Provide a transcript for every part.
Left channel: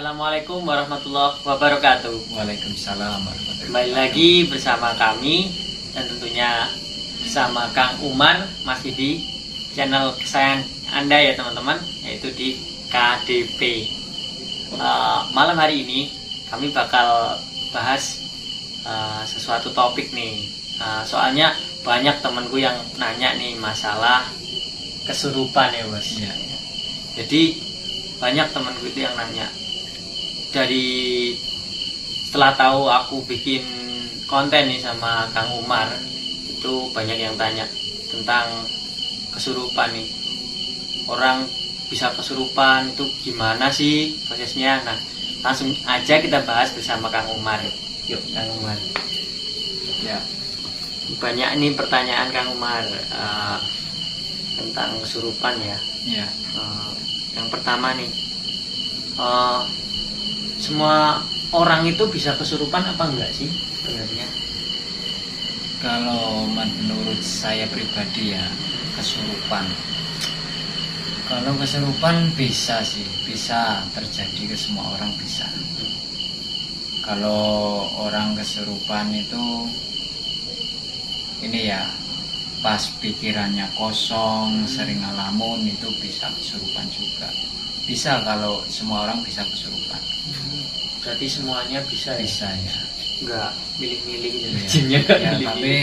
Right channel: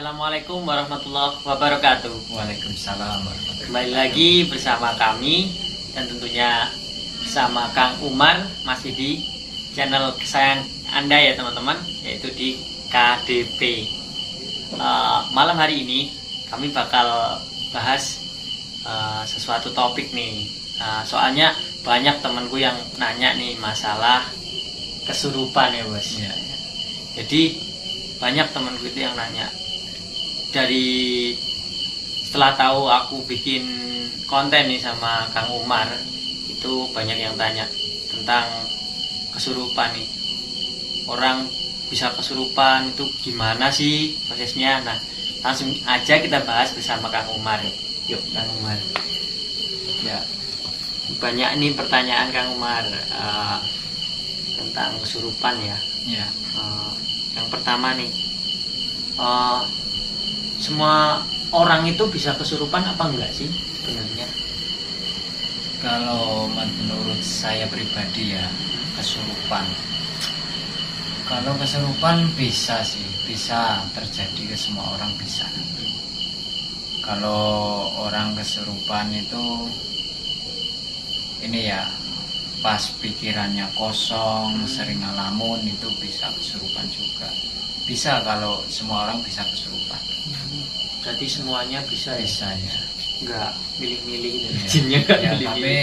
Assalamualaikum warahmatullahi wabarakatuh. Waalaikumsalam warahmatullahi Kembali lagi bersama kami dan tentunya bersama Kang Umar, masih di channel kesayangan Anda ya teman-teman, yaitu di KDP. Malam hari ini kami bakal bahas sesuatu topik nih. Soalnya banyak temanku yang nanya nih masalah kesurupan ya bos. Ya. Jadi banyak temanku itu yang nanya. Dari setelah tahu aku bikin konten nih sama Kang Umar, itu banyak yang tanya tentang kesurupan nih. Orang bisa kesurupan itu gimana sih prosesnya? Nah, langsung aja kita bahas bersama Kang Umar. Yuk Kang Umar. Ya. Banyak nih pertanyaan Kang Umar tentang kesurupan ya. Ya. Yang pertama nih, semua orang itu bisa kesurupan apa enggak sih sebenarnya? Kalau menurut saya pribadi ya, kesurupan. Kalau kesurupan bisa sih, bisa terjadi ke semua orang bisa. Kalau orang kesurupan itu ini ya, pas pikirannya kosong, sering ngalamun, itu bisa kesurupan juga. Bisa kalau semua orang bisa kesurupan. Berarti semuanya bisa ya? Bisa ya. Enggak milih-milih gitu. Ya, Jinnya enggak ya, milih-milih. tapi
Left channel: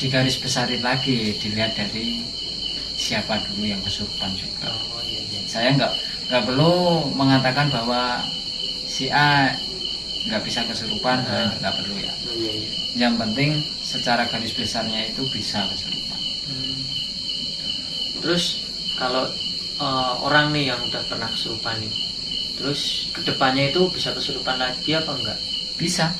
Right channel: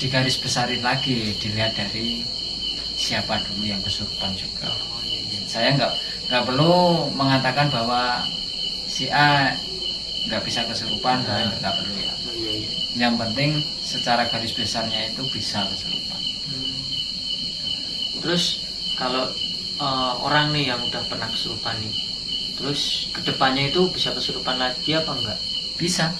digaris besarin lagi, dilihat dari siapa dulu yang kesurupan juga. Oh iya iya. Saya nggak perlu mengatakan bahwa si A nggak bisa kesurupan, nggak perlu ya. Oh iya iya. Yang penting secara garis besarnya itu bisa kesurupan. Terus kalau orang nih yang udah pernah kesurupan nih, terus kedepannya itu bisa kesurupan lagi apa enggak? Bisa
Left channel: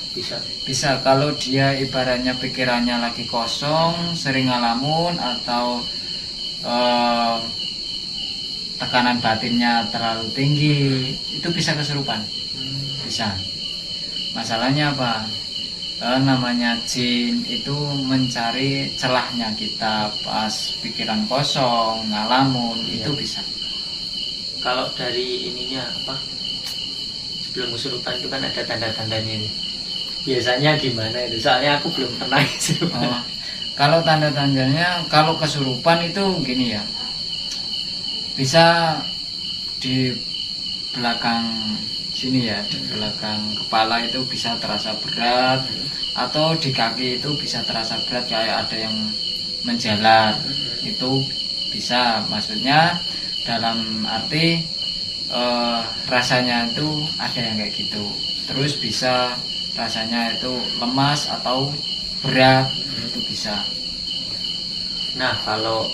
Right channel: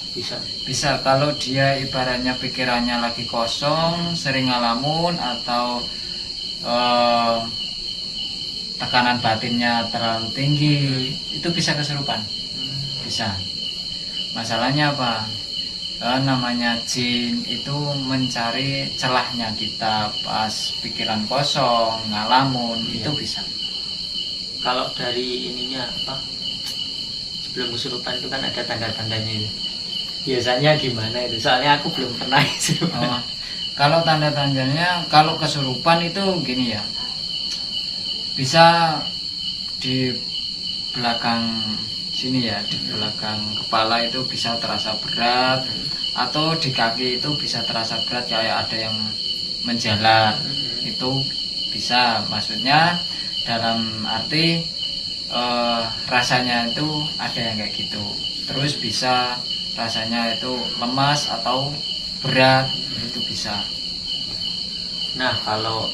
Bisa. kalau dia ibaratnya pikirannya lagi kosong, sering ngalamun, atau tekanan batinnya terlalu tinggi, itu bisa kesurupan. Bisa. Masalahnya apa? Namanya jin itu mencari celahnya kita pas pikiran kosong, ngalamun, Iya. itu bisa. Kalau dari ininya apa? Sebelum kesurupan itu kan ada tanda-tandanya ini. Biasanya gimana itu? Soalnya aku belum pernah kesurupan. Kalau tanda-tandanya, kalau kesurupan itu gini ya, bisa di belakang sini ya, di belakang kepala itu bisa terasa berat, atau di kaki itu bisa terasa berat kayak ada yang menjalar. Itu bisa, maksudnya dalam arti rasanya itu ada yang kayak gitu. Terus bisa rasanya itu lemas atau berat, itu bisa. Nah kalau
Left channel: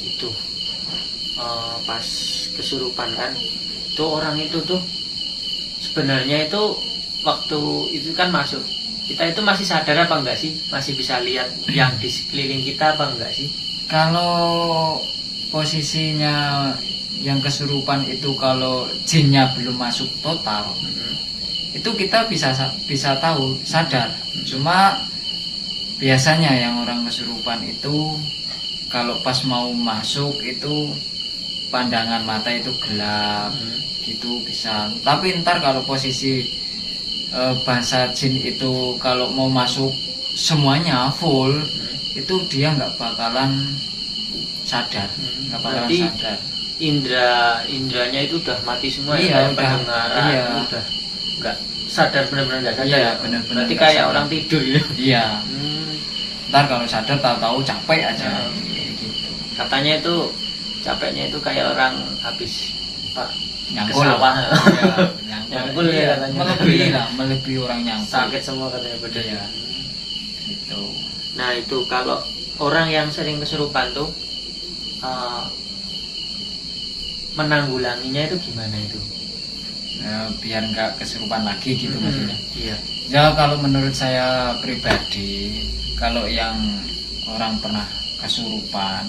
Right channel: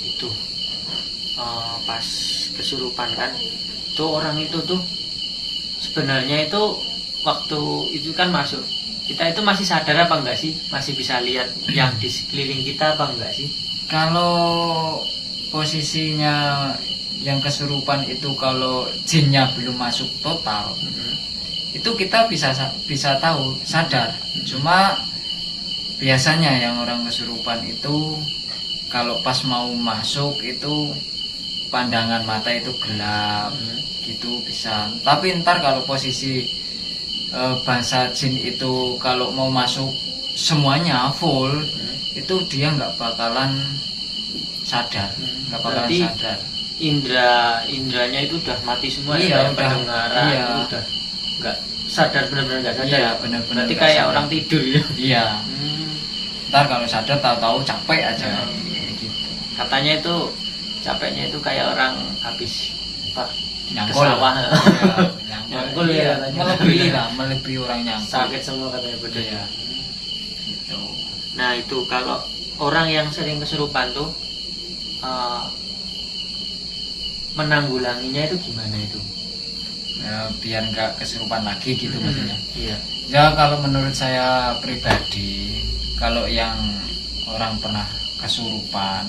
itu pas kesurupan kan, itu orang itu tuh sebenarnya itu waktu itu kan masuk, kita itu masih sadar apa enggak sih? Masih bisa lihat yang di sekeliling kita apa enggak sih? Kalau posisinya yang kesurupan itu, kalau jinnya belum masuk total, itu kita bisa tahu, sadar. Cuma biasanya yang orang kesurupan itu kalau pas mau masuk itu pandangan mata itu gelap, gitu bisa. Tapi ntar kalau posisi bahasa jin itu kalau mau masuk semuanya full, itu dia nggak bakalan sadar, nggak bakalan Berarti sadar. indranya itu udah mati semua Iya, ya, kayak udah. pendengaran Iya. itu udah nggak sadar, benar-benar nggak sadar. Iya, benar-benar Berarti nggak kayak sadar. orang tidur ya. Iya, ntar kalau sadar tahu-tahu capek aja. Gitu. Katanya itu capeknya itu kayak orang habis ke Nyangkul. sawah. Iya, Nyangkul ya iya, katanya. melebihi lah, melebihi orang nyangkul. Sakit semua katanya badannya. Iya. Gitu. Nah itu kalau orang yang sering kesurupan tuh menanggulanginya itu gimana itu? Biar nggak kesurupan lagi gitu maksudnya. Iya. Ya kalau menurut saya pribadi, kalau yang orang pernah kesurupan,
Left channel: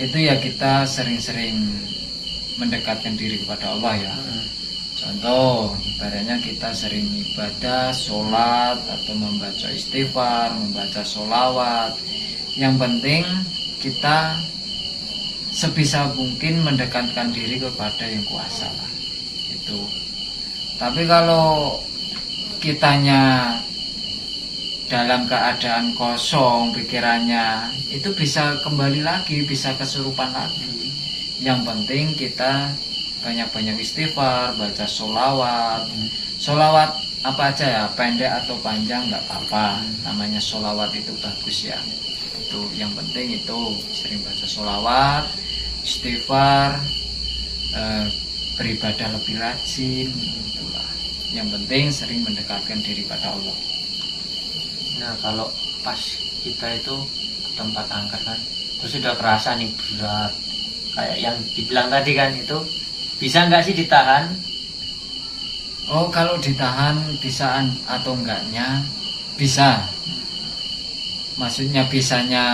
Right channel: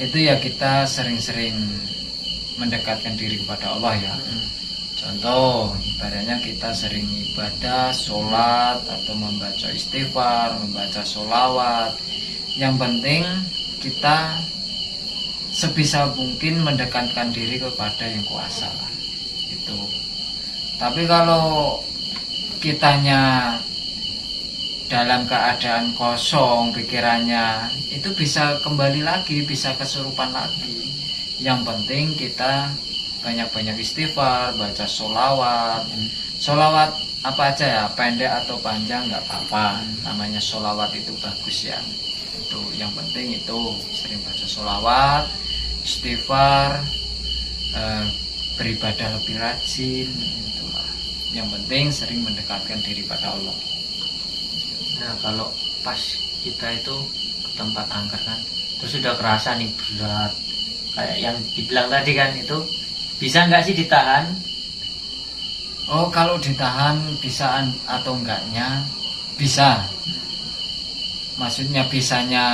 itu ya kita sering-sering mendekatkan diri kepada Allah ya. Contoh, ibaratnya kita sering ibadah, sholat, atau membaca istighfar, membaca sholawat. Yang penting kita sebisa mungkin mendekatkan diri kepada yang kuasa lah. itu. Tapi kalau kitanya dalam keadaan kosong pikirannya, itu bisa kembali lagi, bisa kesurupan lagi. Yang penting kita banyak-banyak istighfar, baca sholawat. Sholawat apa aja ya, pendek atau panjang nggak apa-apa. Namanya sholawat itu bagus ya. Itu yang penting itu sering baca sholawat, istighfar, beribadah lebih rajin. Itulah. Yang penting sering mendekatkan diri pada Allah. Nah kalau pas kita itu ke tempat angker kan, terus sudah kerasa nih berat, kayak yang dibilang tadi kan, itu bisa nggak sih ditahan? Oh, kalau ditahan bisa atau enggaknya bisa. Maksudnya bisanya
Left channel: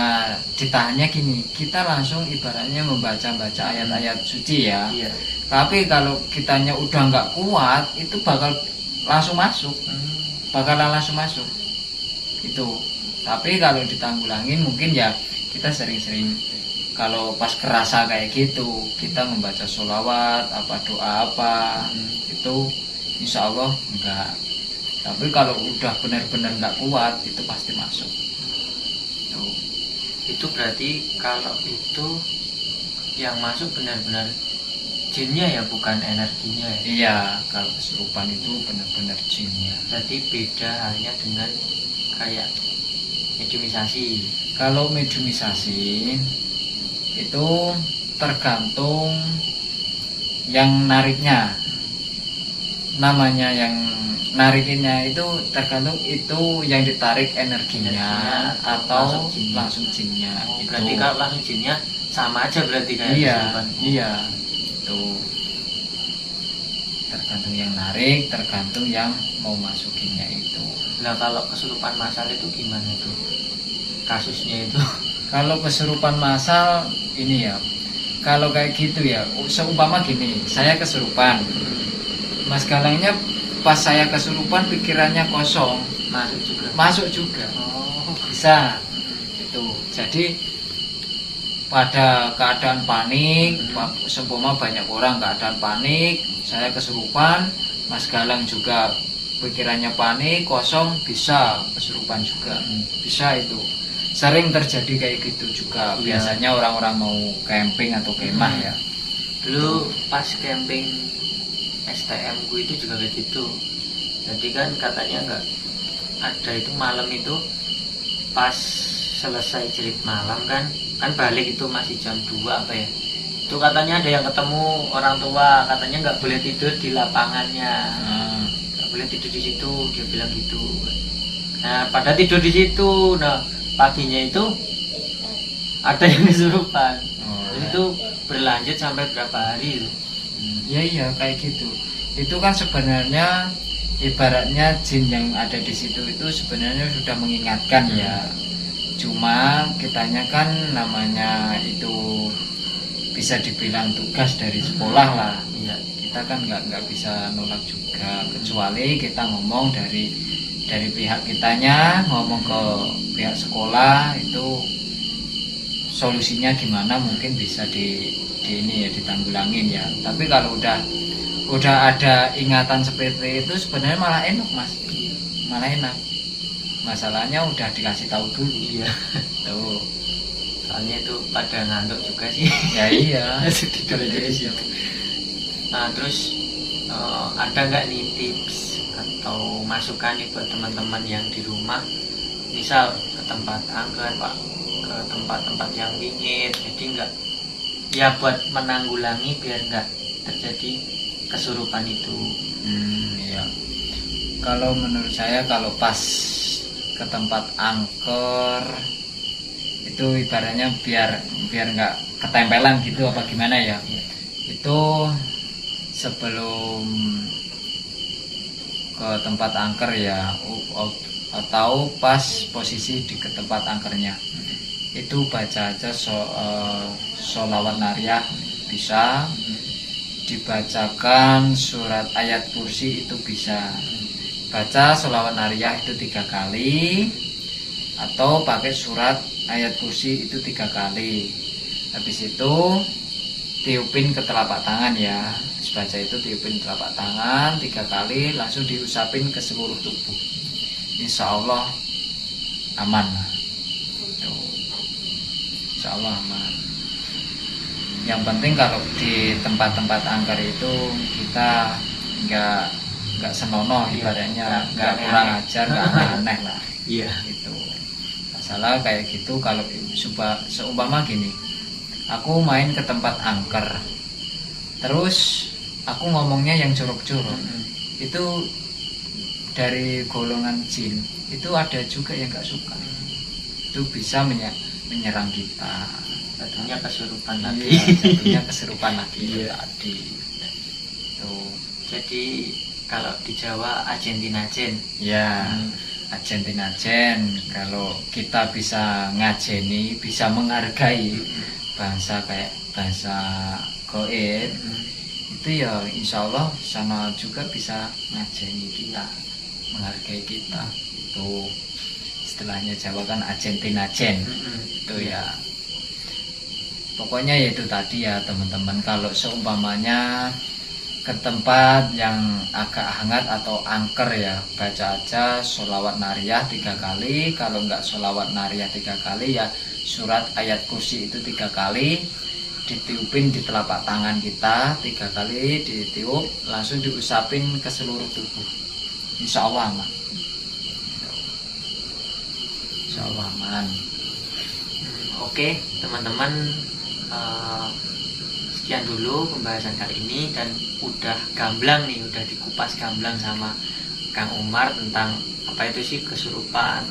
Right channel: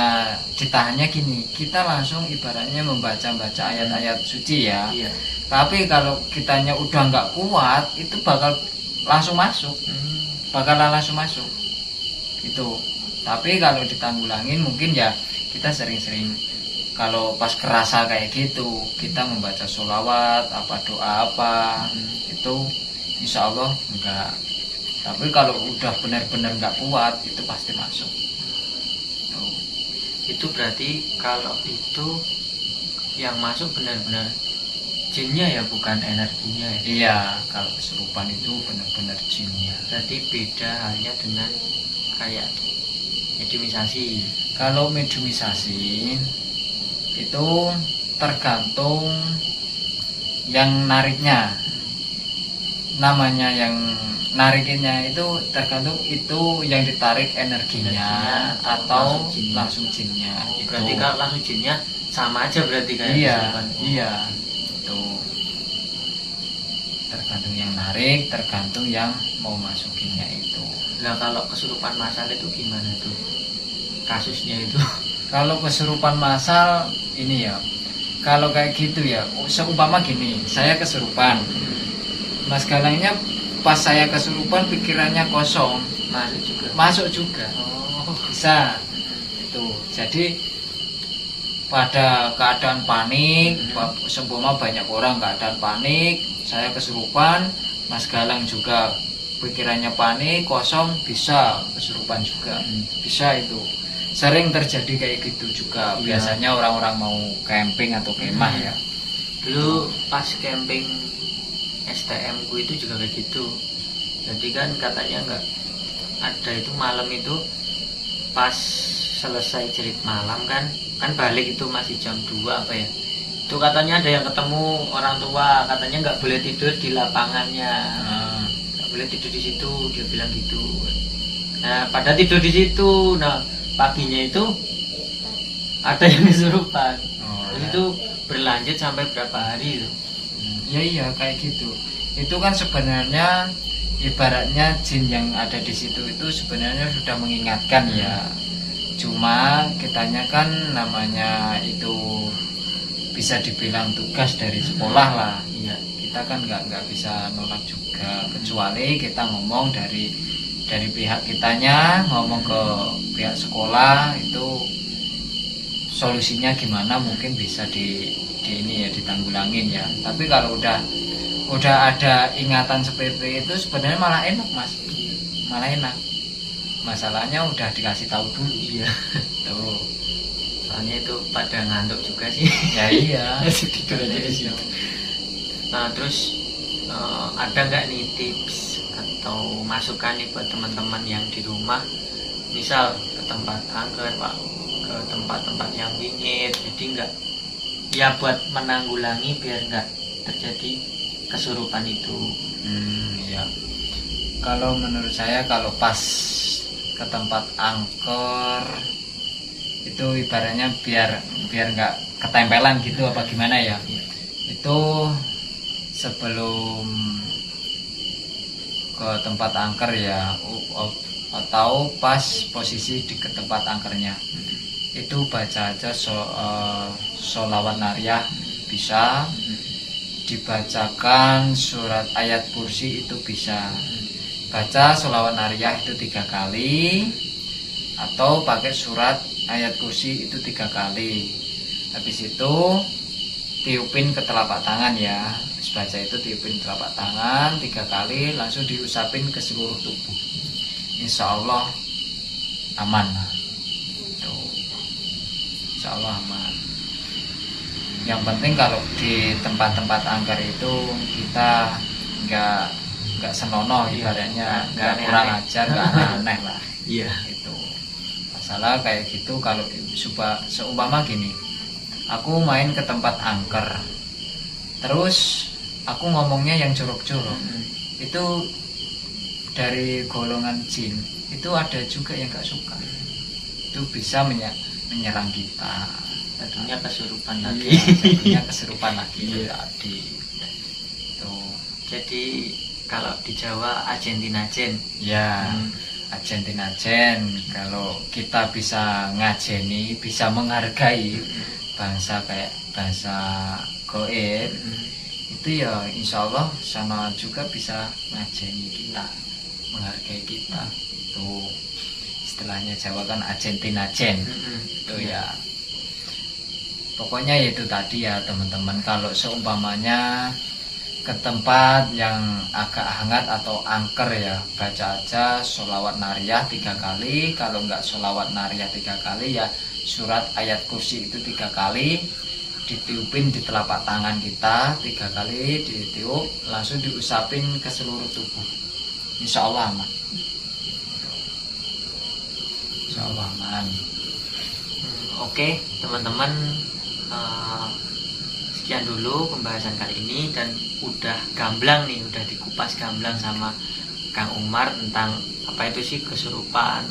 ditahannya gini, kita langsung ibaratnya membaca-baca ayat-ayat suci ya. Iya. Tapi kalau kitanya udah nggak kuat, itu bakal langsung masuk, bakalan langsung masuk. Itu. Tapi kalau ditanggulangin mungkin ya kita sering-sering kalau pas kerasa kayak gitu kita membaca sholawat, apa doa apa, itu insya Allah enggak. Tapi kalau udah benar-benar nggak kuat itu pasti masuk. Itu berarti kalau itu yang masuk benar-benar jinnya ya, bukan energinya ya? Iya, kalau kesurupan itu benar-benar jinnya. Berarti beda halnya dengan kayak mediumisasi. Kalau mediumisasi itu tergantung yang nariknya. Namanya yang nariknya itu tergantung itu yang ditarik energinya atau langsung jinnya. Oh, berarti kalau langsung jinnya sama aja berarti kayak iya, kesurupan. iya. Itu tergantung yang narik, tergantung yang mau masukinnya itu. Nah kalau kesurupan massal itu gimana itu kasusnya itu? Kalau kesurupan massal ini ya, kalau kayak gitu ya, seumpama gini, saya kesurupan, Mas Galangnya pas saya kesurupan pikirannya kosong, masuk juga, Oh, bisa. Itu jadi pada keadaan panik, seumpama banyak orang keadaan panik, saya kesurupan, Mas Galang juga pikirannya panik, kosong, bisa kesurupan juga, bisa itu. Sering terjadi kayak gitu juga. Iya. Biasanya orang-orang mau camping atau kemah ya. dulu pas camping STM ku itu juga kayak gitu. Jadi kan katanya nggak ada itu malam itu pas selesai cerit malam kan balik itu masih jam 2 apa ya. Itu katanya ada yang ketemu orang tua, katanya nggak boleh tidur di lapangannya. Nggak boleh tidur di situ, dia bilang gitu. Nah, pada tidur di situ. Nah, paginya itu ada yang kesurupan. Terus itu berlanjut sampai berapa hari itu? Ya iya kayak gitu. Itu kan sebenarnya ibaratnya jin yang ada di situ itu sebenarnya sudah mengingatkan ya. Cuma kitanya kan namanya itu bisa dibilang tugas dari sekolah lah. Iya. Kita kan nggak bisa nolak juga, kecuali kita ngomong dari pihak kitanya, ngomong ke pihak sekolah itu solusinya gimana, mungkin bisa di ini ya ditanggulangin ya. Tapi kalau udah ada ingatan seperti itu sebenarnya malah enak Mas, malah enak. Masalahnya udah dikasih tahu dulu. Iya. Tuh. Soalnya itu pada ngantuk juga sih. Ya iya. Nah, terus ada nggak nih tips atau masukan nih buat teman-teman yang di rumah, misal ke tempat angker Pak, ke tempat-tempat yang wingit, jadi nggak ya buat menanggulangi biar nggak terjadi kesurupan itu. Ya. Kalau menurut saya kalau pas ke tempat angker itu ibaratnya biar nggak ketempelan gitu apa gimana ya. Itu sebelum ke tempat angker ya, atau pas posisi di ke tempat angkernya itu baca aja sholawat nariyah, bisa dibacakan surat ayat kursi itu bisa. Baca sholawat nariyah itu 3 kali atau pakai surat ayat kursi itu 3 kali. Habis itu tiupin ke telapak tangan ya, baca itu tiupin telapak tangan 3 kali, langsung diusapin ke seluruh tubuh. Insya Allah aman. Tuh. Insya Allah aman. Yang penting kalau di tempat-tempat angker itu kita nggak senonoh, ibaratnya nggak kurang ajar, nggak aneh lah. Iya. Itu masalah kayak gitu. Kalau seumpama gini, aku main ke tempat angker, terus aku ngomongnya yang jorok-jorok, itu dari golongan jin itu ada juga yang nggak suka, itu bisa menyerang kita. Tentunya kesurupan lagi. Iya, jadinya kesurupan lagi. Iya. Tadi tuh. Jadi kalau di Jawa Argentina Jen. Ya, Argentina Jen. Kalau kita bisa ngajeni, bisa menghargai bangsa kayak bangsa goib, itu ya insya Allah sana juga bisa ngajeni kita, menghargai kita. Itu istilahnya Jawa kan Argentina Jen. Itu ya. Pokoknya ya itu tadi ya teman-teman, kalau seumpamanya ke tempat yang agak hangat atau angker ya, baca aja sholawat nariyah 3 kali. Kalau enggak sholawat nariyah 3 kali ya surat ayat kursi itu 3 kali, ditiupin di telapak tangan kita 3 kali, ditiup langsung diusapin ke seluruh tubuh. Insya Allah aman. Insya Allah aman. Oke teman-teman, sekian dulu pembahasan kali ini, dan udah gamblang nih, udah dikupas gamblang sama Kang Umar tentang apa itu sih kesurupan,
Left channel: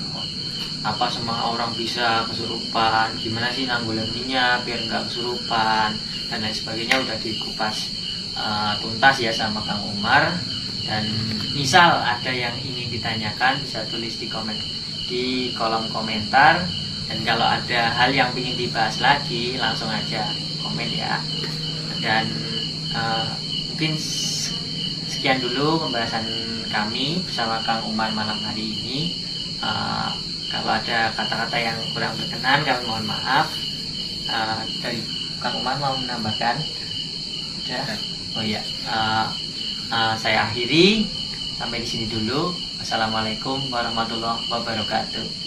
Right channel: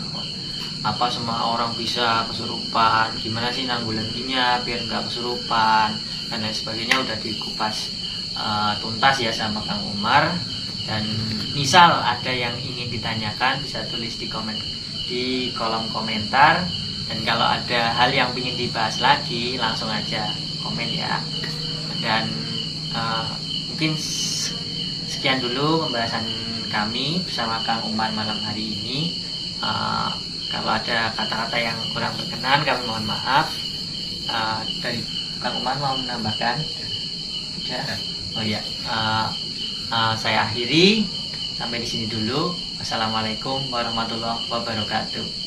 apa semua orang bisa kesurupan, gimana sih nanggulanginya biar nggak kesurupan dan lain sebagainya, udah dikupas tuntas ya sama Kang Umar. Dan misal ada yang ingin ditanyakan bisa tulis di kolom komentar, dan kalau ada hal yang ingin dibahas lagi langsung aja komen ya. Dan mungkin sekian dulu pembahasan kami bersama Kang Umar malam hari ini. Kalau ada kata-kata yang kurang berkenan kami mohon maaf. Dari Kang Umar mau menambahkan? Sudah? Oh iya. Saya akhiri sampai di sini dulu. Wassalamualaikum warahmatullahi wabarakatuh.